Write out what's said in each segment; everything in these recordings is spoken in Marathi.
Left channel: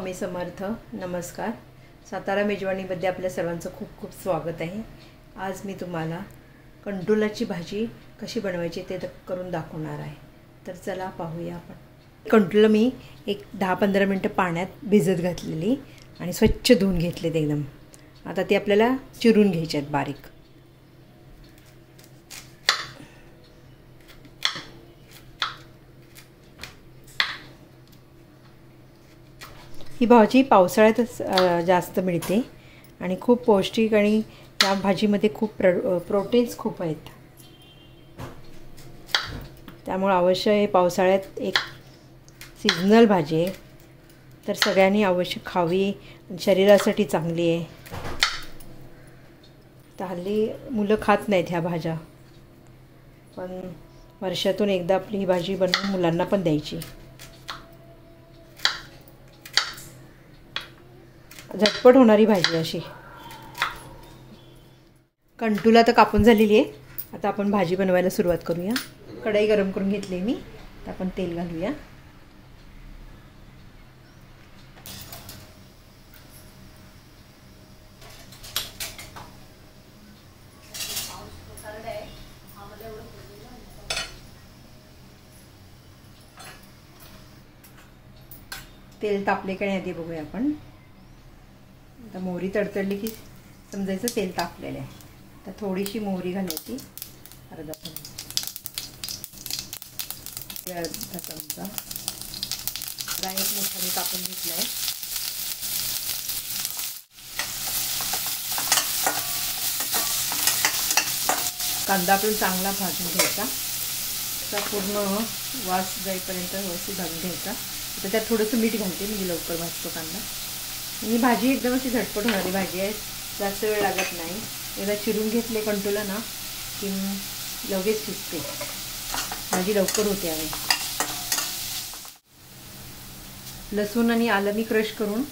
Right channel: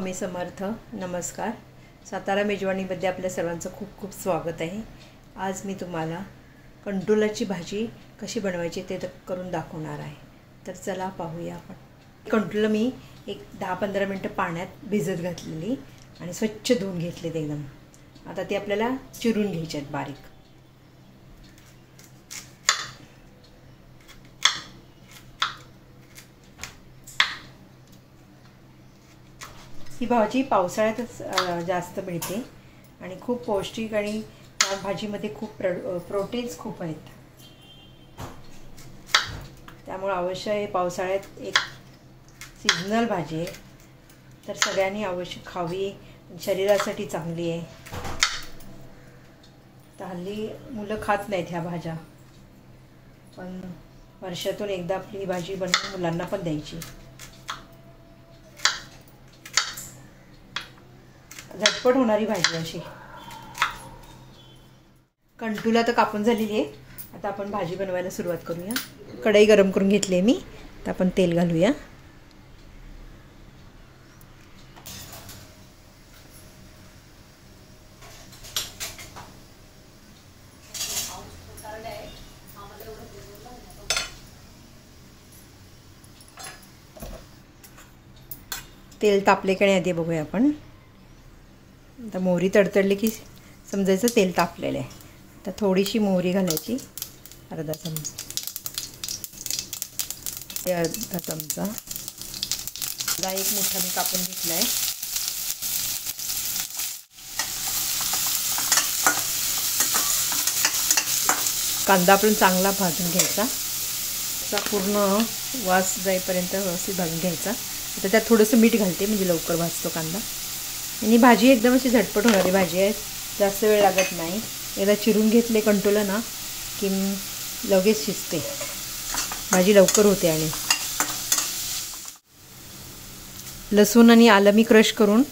स्वामी समर्थ. नमस्कार. सातारा मेजवानीमध्ये आपल्या सर्वांचं खूप खूप स्वागत आहे. आज मी तुम्हाला कंटोलाची भाजी कशी बनवायची ते करून दाखवणार आहे. तर चला पाहूया आपण. कंटोला मी एक 10-15 मिनटं पाण्यात भिजत घातलेली आणि स्वच्छ धुवून घेतलेत एकदम. आता ते आपल्याला चिरून घ्यायचे आहेत बारीक. ही भाजी पावसाळ्यातच जास्त मिळते आणि खूप पौष्टिक आणि या भाजीमध्ये खूप प्रोटीन्स खूप आहेत. त्यामुळे अवश्य हे पावसाळ्यात एक सीझनल भाजी आहे, तर सगळ्यांनी अवश्य खावी. शरीरासाठी चांगली आहे. तर हल्ली मुलं खात नाहीत ह्या भाज्या, पण वर्षातून एकदा आपली ही भाजी बनवून मुलांना पण द्यायची. झटपट होणारी भाजी अशी. कंटोला तर कापून झालेली आहे. आता आपण भाजी बनवायला सुरुवात करूया. कढई गरम करून घेतली आहे मी. तर आपण तेल घालूया. तेल तापले का नाही आधी बघूया आपण. आता मोहरी तडतडली की समजायचं तेल तापलेलं आहे. तर थोडीशी मोहरी घालायची, अर्धा चमचा. एक मोठा मी कापून घेतला आहे. कांदा आपण चांगला भाजून घ्यायचा. त्याचा पूर्ण वास जाईपर्यंत व्यवस्थित भाजून घ्यायचा. आता त्यात थोडंसं मीठ घालते, म्हणजे लवकर भाजतो कांदा. आणि भाजी एकदम अशी झटपट होणारी भाजी आहे. जास्त वेळ लागत नाही. एकदा चिरून घेतले कंटोला ना की लगेच शिजते भाजी, लवकर होते. आणि लसूण आणि आलं मी क्रश करून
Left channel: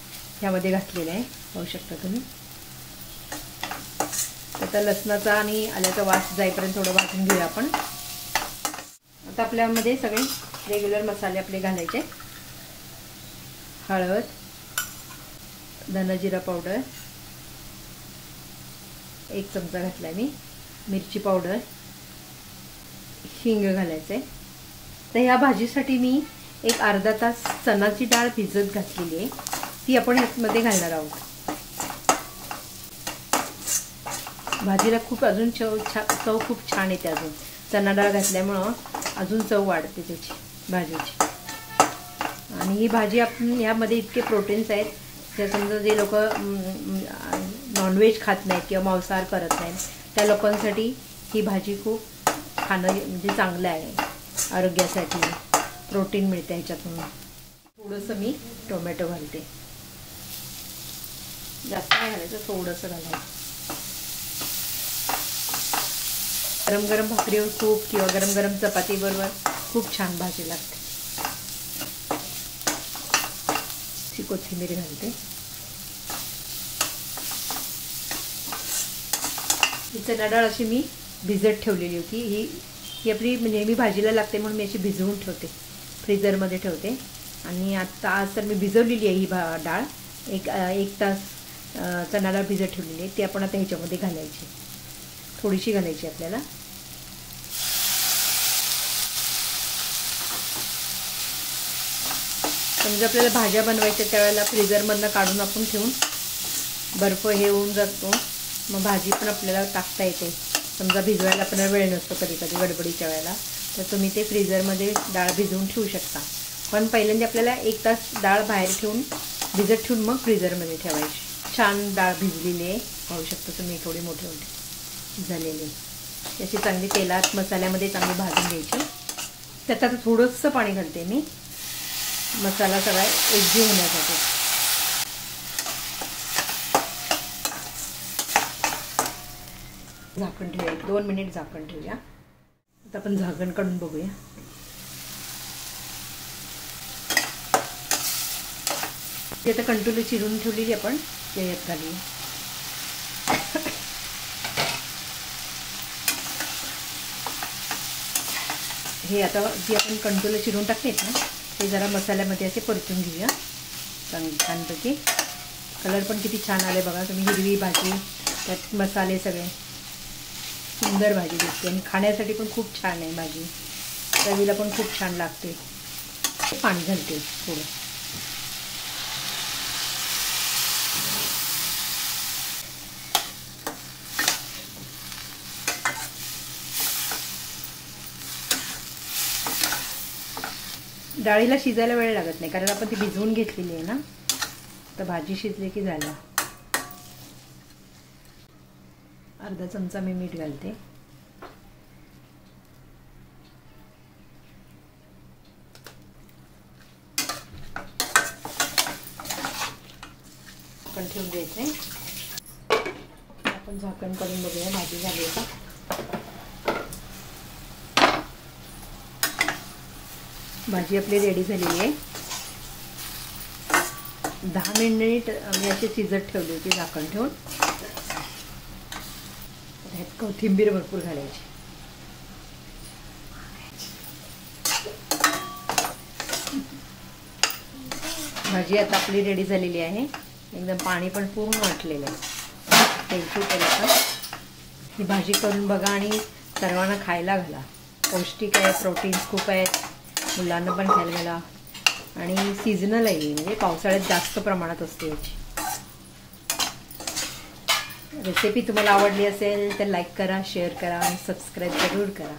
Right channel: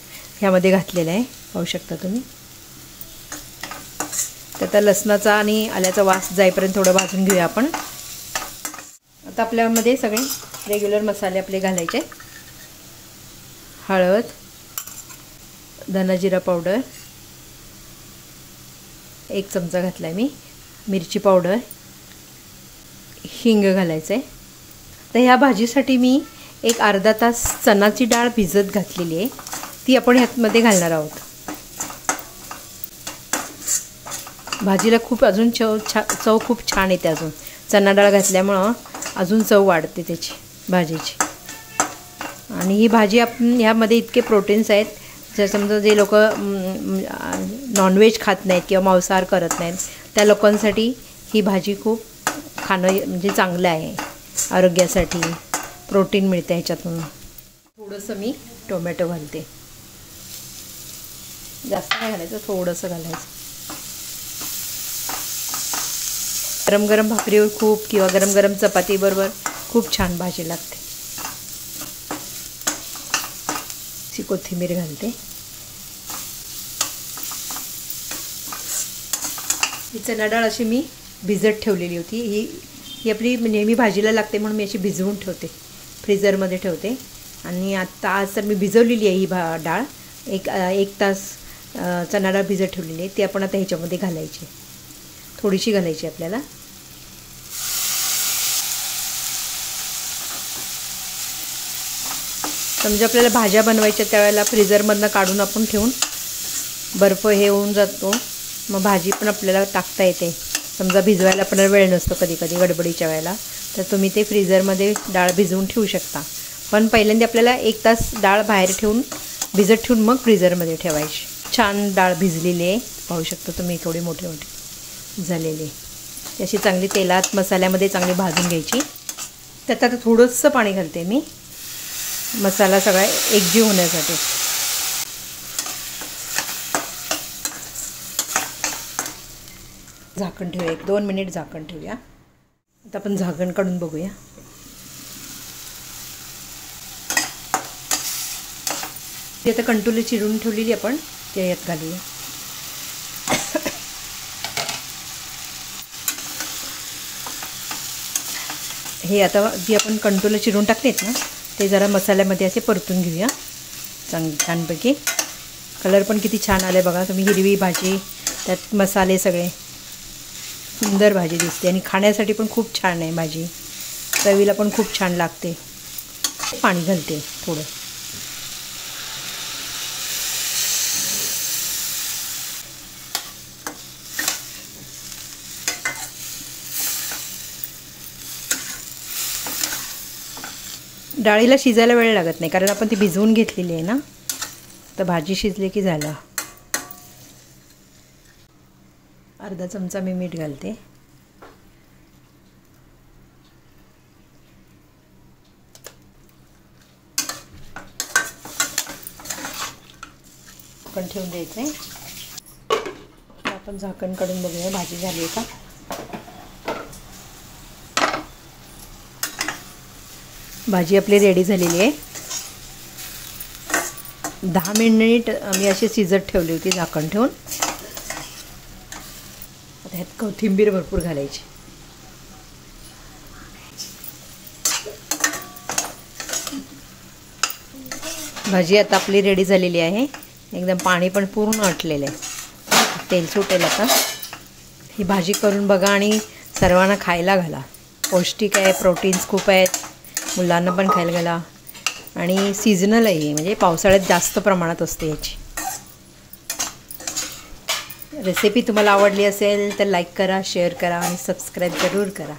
ह्यामध्ये घातलेलं आहे, पाहू शकता तुम्ही. आता लसणाचा आणि आल्याचा वास जाईपर्यंत थोडं भाजून घेऊया आपण. आता आपल्यामध्ये सगळे रेग्युलर मसाले आपले घालायचे. हळद, धना जिरा पावडर 1 चमचा घातला मी. मिरची पावडर, हिंग घालायचं आहे. तर ह्या भाजीसाठी मी एक अर्धा तास चणाची डाळ भिजत घातलेली आहे. ती आपण ह्यामध्ये घालणार आहोत. भाजीला खूप अजून चव खूप छान येते. अजून चणा डाळ घातल्यामुळं अजून चव वाढते त्याची भाजीची. आणि ही भाजी आपण ह्यामध्ये इतके प्रोटीन्स आहेत. जर समजा जे लोक नॉनव्हेज खात नाहीत किंवा मांसाहार करत नाहीत, त्या लोकांसाठी ही भाजी खूप खाणं म्हणजे चांगलं आहे. आरोग्यासाठी प्रोटीन मिळते ह्याच्यातून. थोडंसं मी टोमॅटो घालते. जास्त नाही घालायचं, थोडंसं घालायचं. गरम गरम भाकरीवर खूप किंवा गरम गरम चपातीबरोबर खूप छान भाजी लागते. कोथिंबीर घालते. ही चणा डाळ अशी मी भिजत ठेवलेली होती. ही आपली नेहमी भाजीला लागते म्हणून मी अशी भिजवून ठेवते, फ्रीजरमध्ये ठेवते. आणि आता आज तर मी भिजवलेली आहे ही डाळ. एक तास चणा डाळ भिजत ठेवलेली आहे. ती आपण आता ह्याच्यामध्ये घालायची, थोडीशी घालायची आपल्याला. समजा आपल्याला भाज्या बनवायच्या त्यावेळेला फ्रीजरमधनं काढून आपण ठेवून बर्फ हे होऊन जातो, मग भाजी पण आपल्याला टाकता येते. समजा भिजवायला पण वेळ नसतो कधी कधी गडबडीच्या वेळेला, तर तुम्ही ते फ्रीजरमध्ये डाळ भिजवून ठेवू शकता. पण पहिल्यांदा आपल्याला 1 तास डाळ बाहेर ठेवून भिजत ठेवून मग फ्रीजरमध्ये ठेवायची. छान डाळ भिजलेली आहे, पाहू शकता तुम्ही. थोडी मोठी मोठी झालेली अशी चांगली तेलात मसाल्यामध्ये चांगली भाजून घ्यायची. त्यात आता थोडंसं पाणी घालते मी, मसाला सगळा एकजीव होण्यासाठी. झाकण ठेवूया, 1-2 मिनिट झाकण ठेवूया. आता आपण झाकण काढून बघूया. ती आता कंटोली चिरून ठेवलेली आपण यात घालूया. हे आता जी आपण कंटोला चिरून टाकलेत ना, ते जरा मसाल्यामध्ये असे परतून घेऊया. छानपैकी. कलर पण किती छान आले बघा तुम्ही. हिरवी भाजी, त्यात मसाले सगळे, सुंदर भाजी दिसते आणि खाण्यासाठी पण खूप छान आहे भाजी. चवीला पण खूप छान लागते. पाणी घालते थोडं. डाळीला शिजायला वेळ लागत नाही कारण आपण ती भिजवून घेतलेली आहे ना. तर भाजी शिजली की झालं. अर्धा चमचा मी मीठ घालते. झाकण ठेवून द्यायचंय. आपण झाकण काढून बघूया भाजी झाली का. भाजी आपली रेडी झालेली आहे. 10 मिनिट मी अशी शिजत ठेवली होती झाकण ठेवून. ह्यात कोथिंबीर भरपूर घालायची. भाजी आता आपली रेडी झालेली आहे. एकदम पाणी पण पूर्ण आटलेलं आहे. तेल सुटेल आता. ही भाजी करून बघा आणि सर्वांना खायला घाला. पौष्टिक आहे, प्रोटीन्स खूप आहेत. मुलांना पण खायला घाला आणि सीझनल आहे म्हणजे पावसाळ्यात जास्त प्रमाणात असते याची. रेसिपी तुम्हाला आवडली असेल तर लाईक करा, शेअर करा आणि सबस्क्राईब जरूर करा.